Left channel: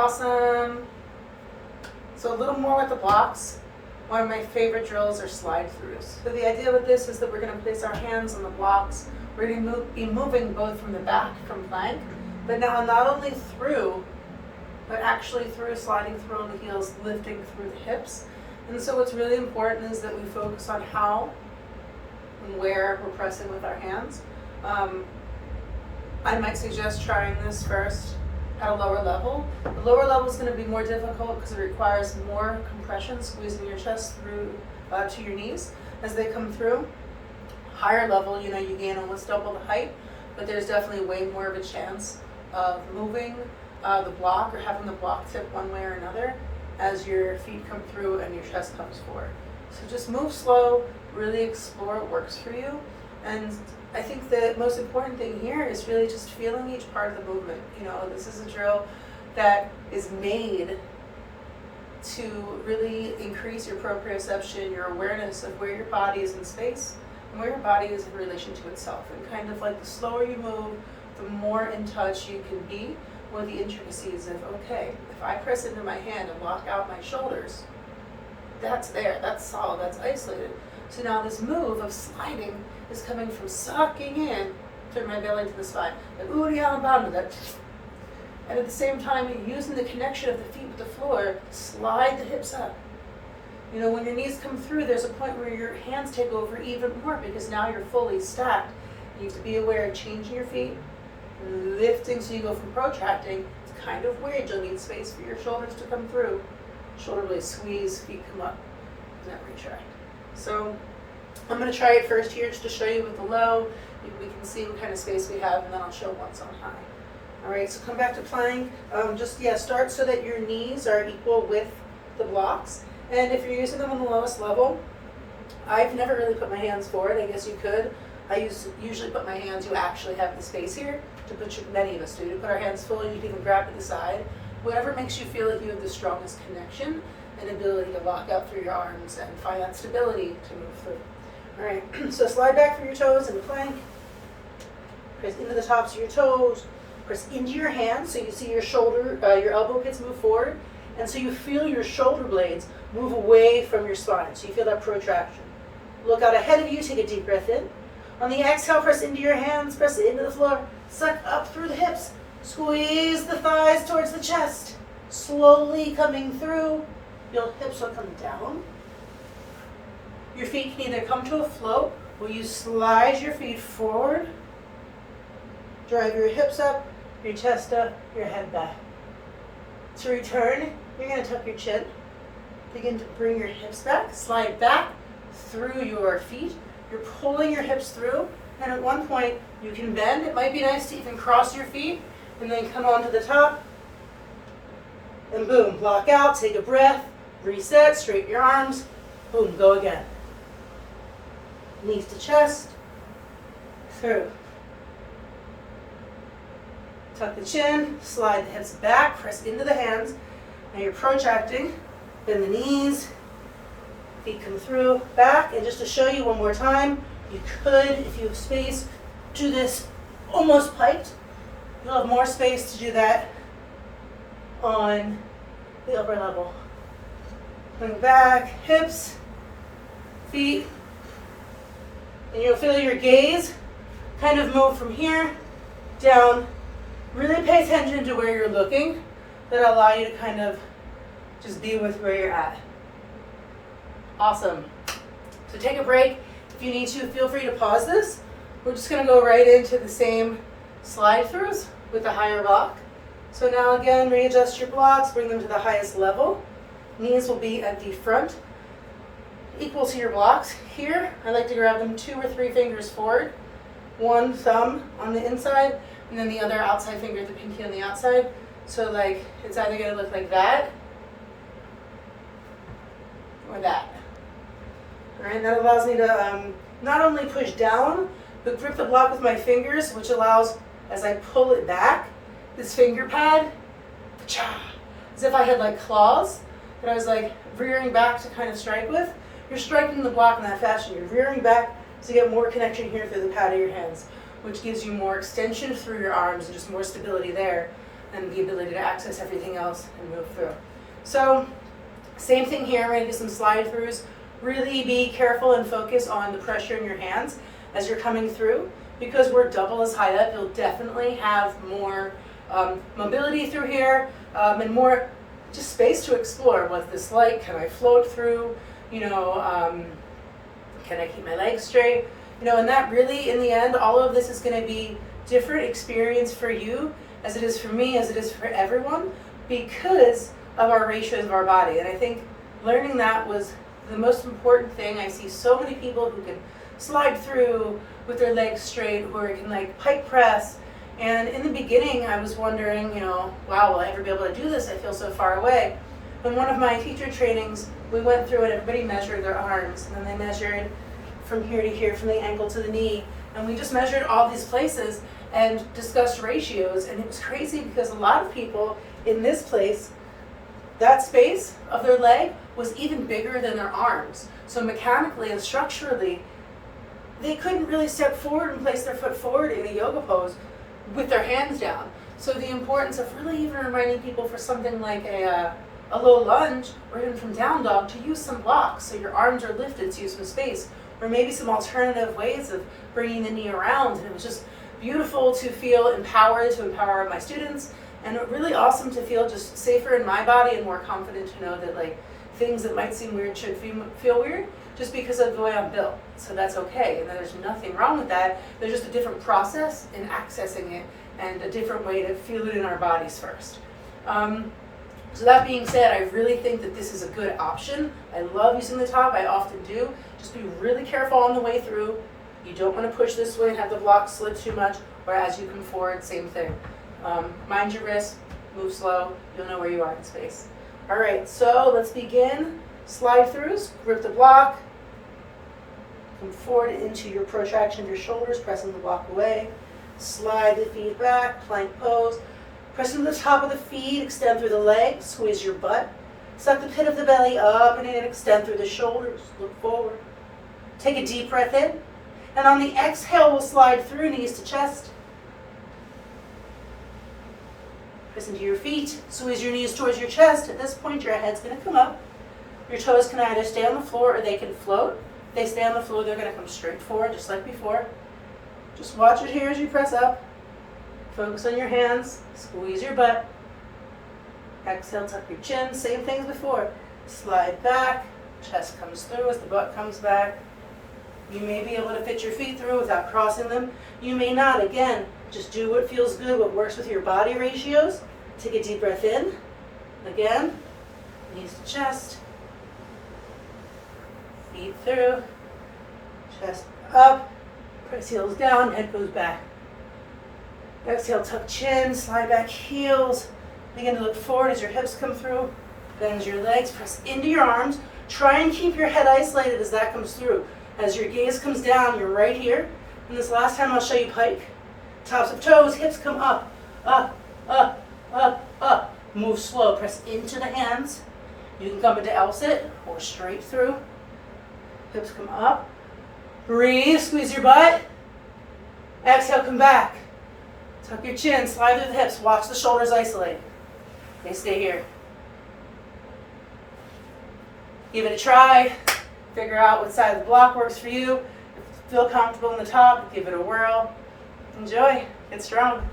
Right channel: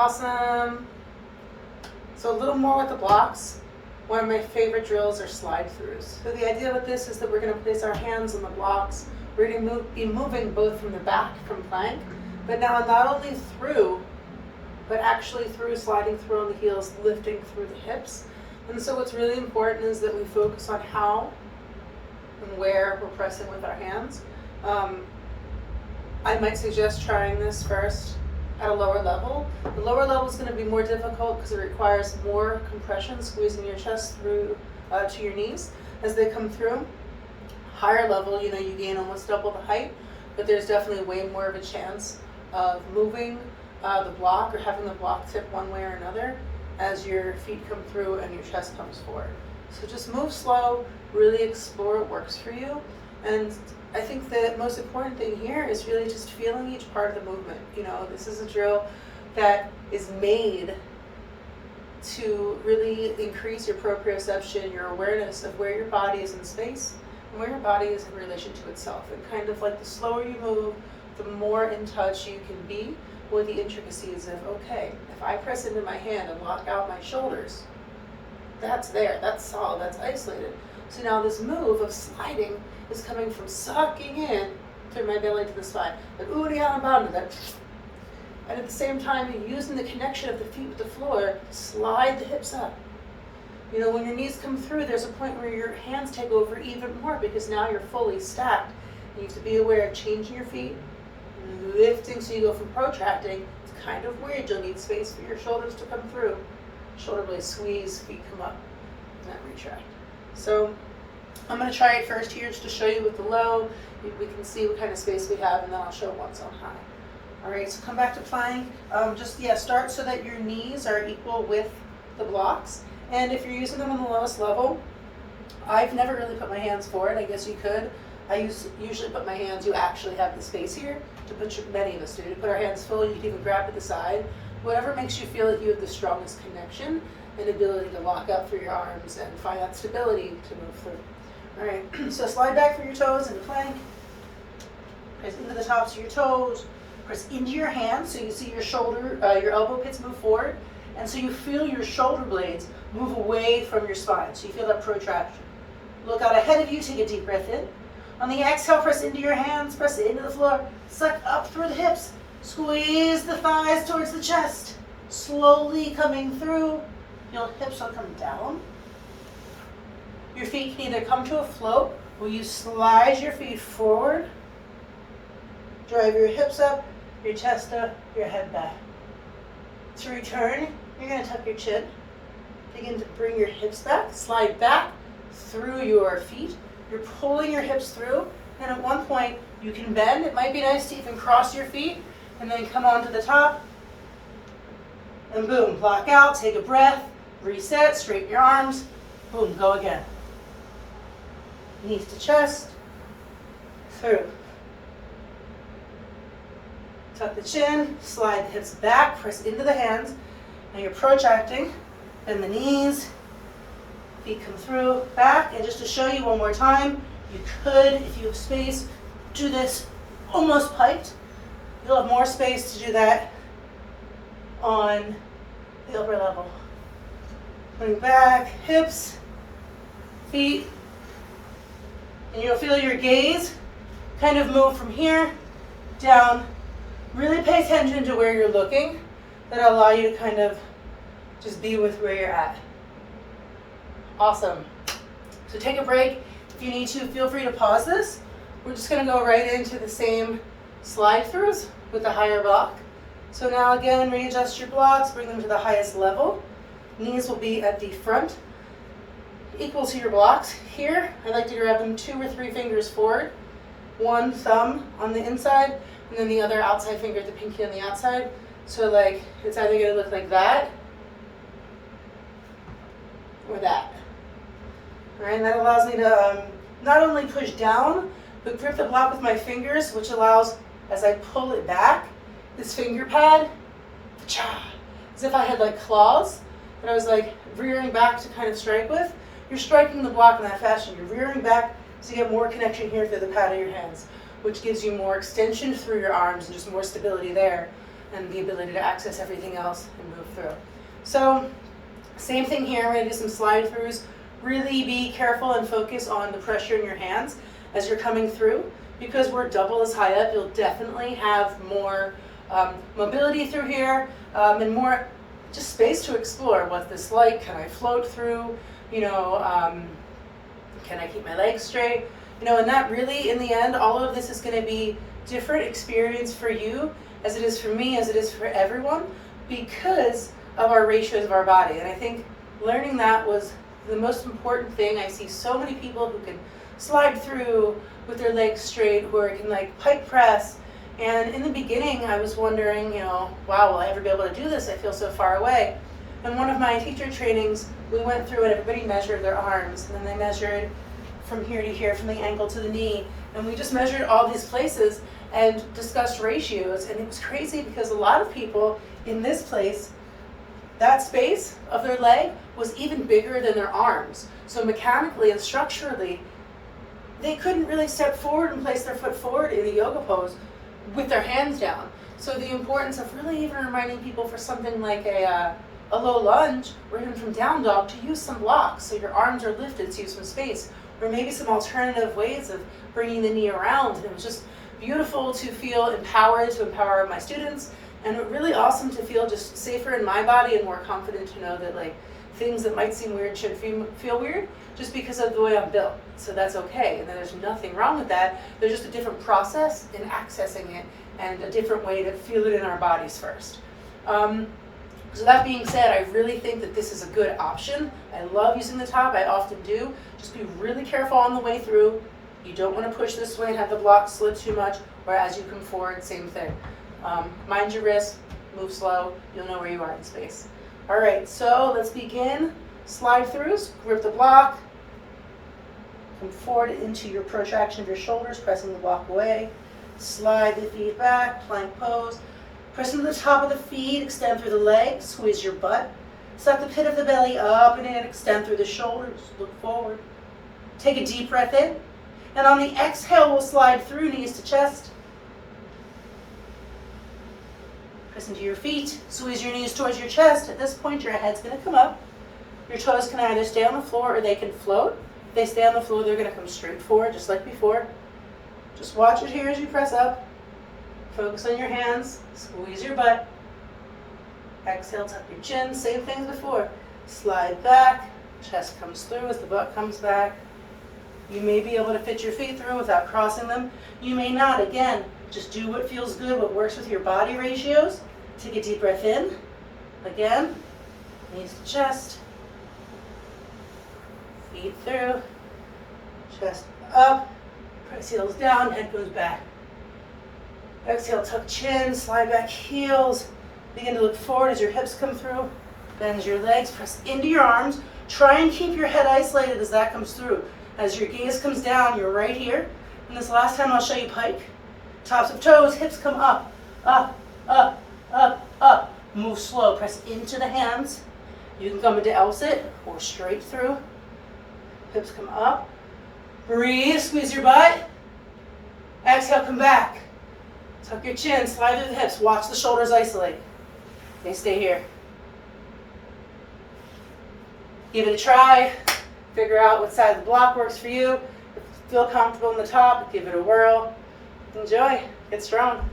Awesome. So a little more with the blocks. One of my favorite drills are slide throughs. So the idea with this is that we're going to place our hands on the blocks. We're going to be moving both from the back, from plank, but now not only through, but actually through, sliding through on the heels, lifting through the hips. And so what's really important is that we focus on how and where we're pressing with our hands. I might suggest trying this first at a lower level. The lower level is going to be more difficult because it requires more compression, squeezing your chest through to your knees as they come through. Higher level, you gain almost double the height, but there's definitely way more of a chance of moving the block or having the block tip one way or another as your feet come through and your chest comes forward. So just move slow, really explore what works for you. And I think the most important thing here is really just feeling each part of the movement. This is a drill that is made to really increase your proprioception, your awareness of where your body is in space and where your body is in relation to itself. And kind of like the slower you move, the more in touch you can be with the intricacies of, okay, if I press into my hand and lock out my shoulders, that's there, that's solid, that's isolated. So now this move of sliding is coming from sucking in through my belly to the spine, like oohing out and bottom of that. And at the same time, you're using the connection of the feet with the floor to slide the hips up. When your knees come through, there's a point where your hands take over even more because now you're fully stacked. You have to be aware of changing your feet, lifting so you go from protracting. It's kind of weird. You'll need space for your shoulders to come through. Shoulder blades squeeze, feet come up, and then retract. So I'm going to try it first here just to show you with the low. We can see what kind of space we have, and then I'll show once on high. All right, so come back to plank. Start so that your knees are equal with the blocks. And if you're using them on the lowest level, I've never really put my hands forward. I guess you could. I usually put my hands, you actually have the space here to put many of us do. To put our hands full, you can even grab to the side. Whatever makes you feel like you have the strongest connection and ability to lock up through your arms and find that stability to move through. All right, so slide back through your toes into plank. Press into the tops of your toes. Press into your hands so you see your your elbow pits move forward. And so you feel your shoulder blades move away from your spine. So you feel that protraction. Look out ahead of you, take a deep breath in. On the exhale, press into your hands, press it into the floor. Suck up through the hips. Squeeze the thighs towards the chest. Slowly coming through. Your hips will come down. Your feet can either come to a float or you slide your feet forward. Drive your hips up, your chest up, your head back. To return, you're going to tuck your chin. Begin to bring your hips back, slide back through your feet. You're pulling your hips through, and at one point you can bend. It might be nice to even cross your feet and then come onto the top. And boom, block out, take a breath, reset, straighten your arms, boom, go again. Knees to chest, through. Tuck the chin, slide the hips back, press into the hands. Now you're protracting, bend the knees, feet come through, back. And just to show you one more time, you could, if you have space, do this almost piked. You'll have more space to do that on the upper level. Bring back, hips, feet, and you'll feel your gaze kind of move from here down. Really pay attention to where you're looking. That'll allow you to kind of just be with where you're at. Awesome. So take a break. If you need to, feel free to pause this. We're just going to go right into the same slide throughs with the higher block. So now again, readjust your blocks, bring them to the highest level. Knees will be at the front, equal to your blocks. Here, I like to grab them 2 or 3 fingers forward. One thumb on the inside, and then the other outside finger, the pinky on the outside. So like, it's either going to look like that, or that. All right, and that allows me to not only push down, but grip the block with my fingers, which allows, as I pull it back, this finger pad, as if I had like claws that I was like rearing back to kind of strike with. You're striking the block in that fashion. You're rearing back to get more connection here through the pad of your hands, which gives you more extension through your arms and just more stability there. and the ability to access everything else and move through. So same thing here, I'm gonna do some slide throughs. Really be careful and focus on the pressure in your hands as you're coming through. Because we're double as high up, you'll definitely have more mobility through here and more just space to explore. What's this like? Can I float through? You know, can I keep my legs straight? You know, and that really, in the end, all of this is gonna be different experience for you as it is for me, as it is for everyone, because of our ratios of our body. And I think learning that was the most important thing. I see so many people who can slide through with their legs straight, or can like pike press. And in the beginning, I was wondering, you know, wow, will I ever be able to do this? I feel so far away. In one of my teacher trainings, we went through and everybody measured their arms, and then they measured from here to here, from the ankle to the knee, and we just measured all these places and discussed ratios. And it was crazy because a lot of people in this place, that space of their leg was even bigger than their arms. So mechanically and structurally, they couldn't really step forward and place their foot forward in a yoga pose with their hands down. So the importance of really even reminding people for something like a low lunge, or even from down dog, to use some blocks so your arms are lifted, so you have some space, or maybe some alternative ways of bringing the knee around. And it was just beautiful to feel empowered, to empower my students, and really awesome to feel just safer in my body and more confident to know that like things that might seem weird should feel weird just because of the way I'm built. So that's okay, and there's nothing wrong with that. There's just a different process in accessing it and a different way to feel it in our bodies first. So that being said, I really think that this is a good option. I love using the top, I often do. Just be really careful on the way through. You don't want to push this way and have the block slip too much, or as you come forward, same thing. Mind your wrist, move slow, you'll know where you are in space. All right, so let's begin. Slide throughs, grip the block, come forward into your protraction of your shoulders, pressing the block away. Slide the feet back, plank pose. Press into the top of the feet, extend through the legs, squeeze your butt. Suck the pit of the belly up and in, extend through the shoulders, look forward. Take a deep breath in, and on the exhale, we'll slide through knees to chest. Press into your feet, squeeze your knees towards your chest. At this point, your head's gonna come up. Your toes can either stay on the floor or they can float. If they stay on the floor, they're gonna come straight forward, just like before. Just watch it here as you press up. Focus on your hands, squeeze your butt. Exhale, tuck your chin, same thing as before. Slide back, chest comes through as the butt comes back. You may be able to fit your feet through without crossing them. You may not. Again, just do what feels good, what works with your body ratios. Take a deep breath in. Again, knees to chest. Feet through, chest up, press heels down, head goes back. Exhale, tuck chin, slide back heels. Begin to look forward as your hips come through. Bend your legs, press into your arms. Try and keep your head isolated as that comes through. As your gaze comes down, you're right here. And this last time I'll show you pike. Tops of toes, hips come up, up, up, up, up. Move slow, press into the hands. You can come into L-sit or straight through. Hips come up. Breathe, squeeze your butt. Exhale, come back. Tuck your chin, slide through the hips. Watch the shoulders isolate. Okay, stay here. Give it a try. Figure out what side of the block works for you. If you feel comfortable on the top, give it a whirl. Enjoy. Get strong.